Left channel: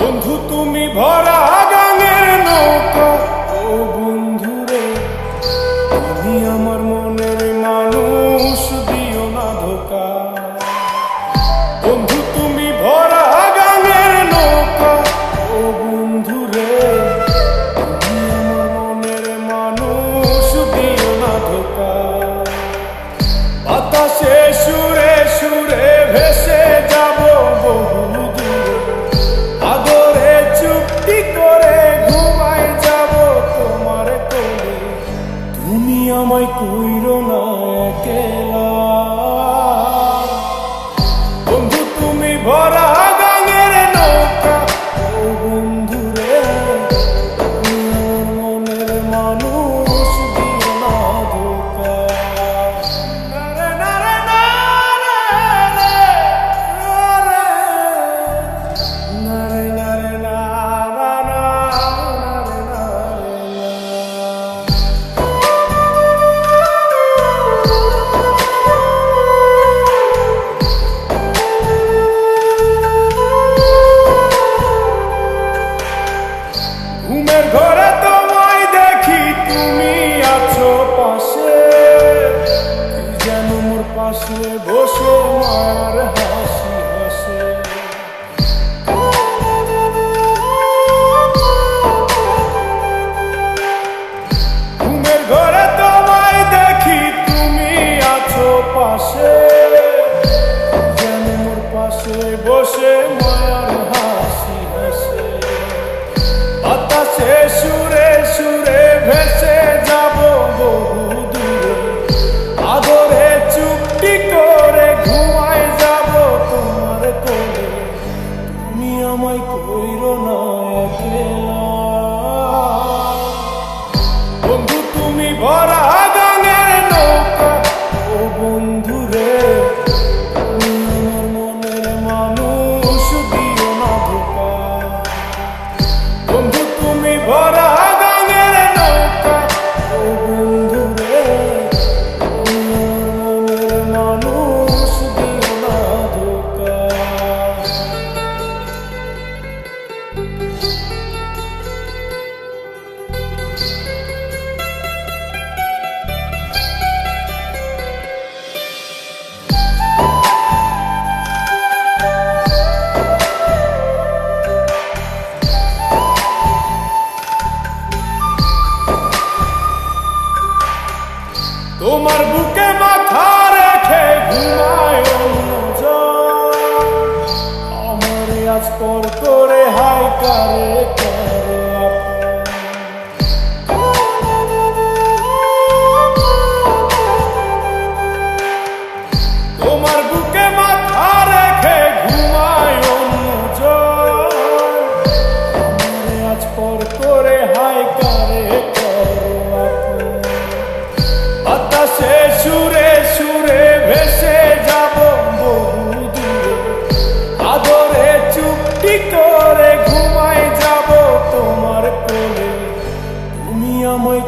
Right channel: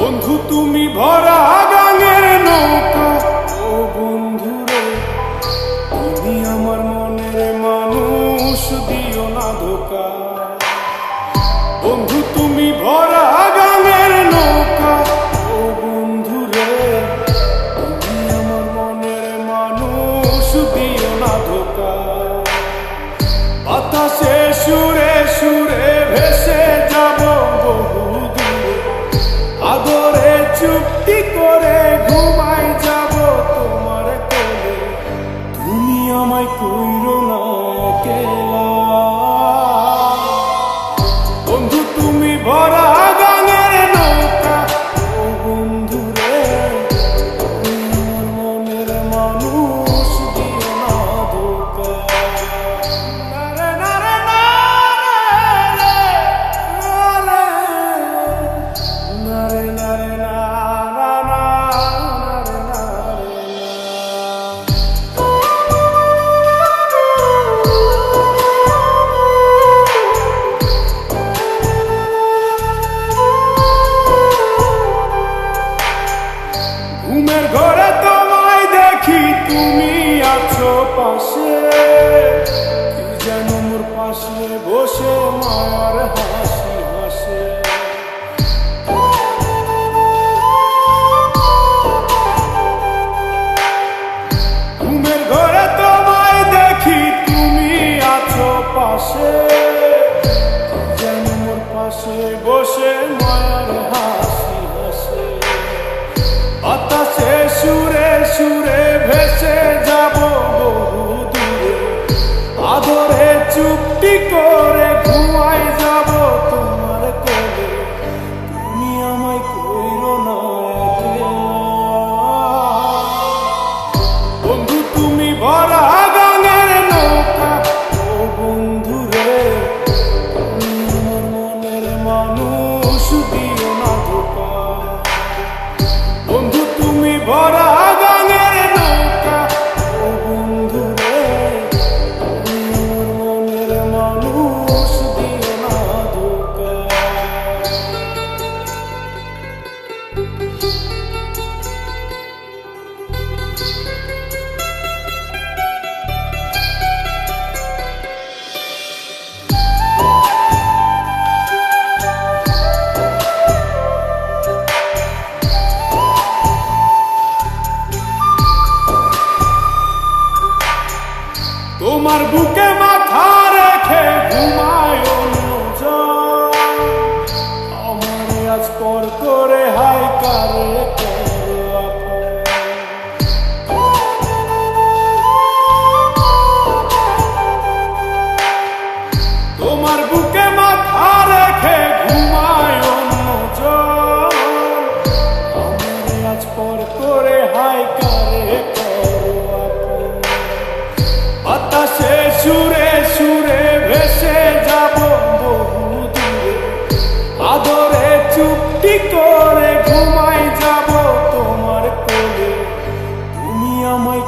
বন্ধু তুমি ভরা গাঙের নৌকা, ও বন্ধুরে তুমি আমার মনের মানুষ, দিও না ধোকা। বন্ধু তুমি ভরা গাঙের নৌকা, ও বন্ধুরে তুমি আমার মনের মানুষ, দিও না ধোকা। বাতাসে সুরে সুরে ভেসে যাব বহু দূরে, আদরে চুপটি করে ঘুমাই যাব তোমার কোলে। তুমি আমায় কইরো না একলা, বন্ধু তুমি ভরা গাঙের নৌকা, ও বন্ধুরে তুমি আমার মনের মানুষ, দিও না ধোকা। নারে নারে নারে নারে নারে নারে ঘুমের ঘরে তোমায় দেখি, তুমি আছো পাশে, কি যেন মোর পাশে বসে মার হাসি হাসে। ঘুমের ঘরে তোমায় দেখি, তুমি আছো পাশে, যেন মোর পাশে বসে মায়ার হাসি হাসে। বাতাসে সুরে সুরে ভেসে যাব বহু দূরে, আদরে চুপটি করে ঘুমাই যাব তোমার কোলে। তুমি আমায় কইরো না একলা, বন্ধু তুমি ভরা গাঙের নৌকা, ও বন্ধুরে তুমি আমার মনের মানুষ, দিও না ধোকা। বন্ধু তুমি ভরা গাঙের নৌকা, ও বন্ধুরে তুমি আমার মনের মানুষ, দিও না ধোকা। তোমার বুকে মাথা রেখে ঘুমায় অন্যজন, আমার আজ পর করে হাই কারে করো আপন। তোমার বুকে মাথা রেখে ঘুমায় অন্যজন, আমার আজ পর করে হাই কারে করো আপন। বাতাসে সুরে সুরে ভেসে যাব বহু দূরে, আদরে চুপটি করে ঘুমাই যাব তোমার কোলে। তুমি আমায়